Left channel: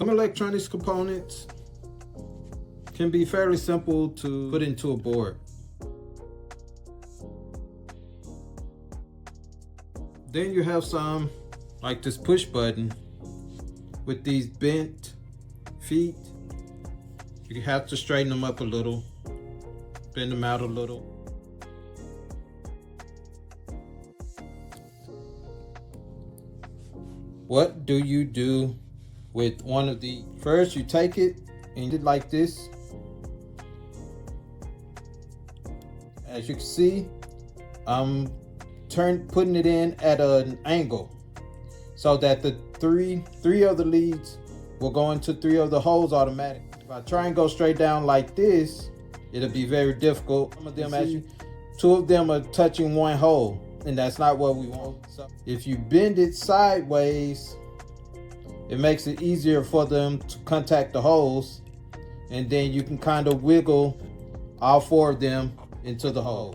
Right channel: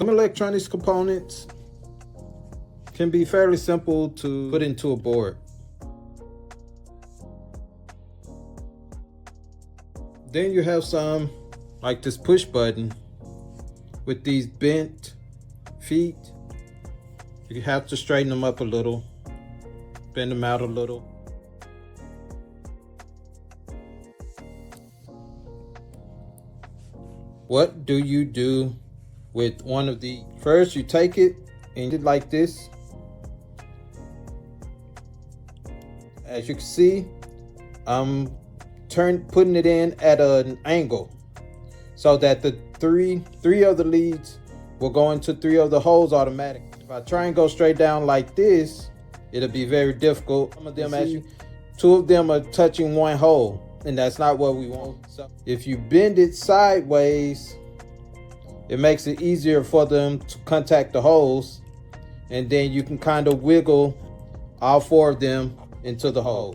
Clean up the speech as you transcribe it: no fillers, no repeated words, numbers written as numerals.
Some electronics components can be fairly simple to put into a board. Then you have some like this push button with these bent feet. You have to straighten them up a little, bend them out a little. What do you do with one of the? First, you take it and it like this. As you can see, I'm putting it in at an angle so that the three of the leads will go into 3 of the holes automatically. If I try and go straight down like this, it'll be very difficult. Some of them actually, 2 of them are touching 1 hole, and that's not what we want. So if you bend it sideways, it makes it easier for them to contact the holes, and then you can kind of wiggle all 4 of them into the hole.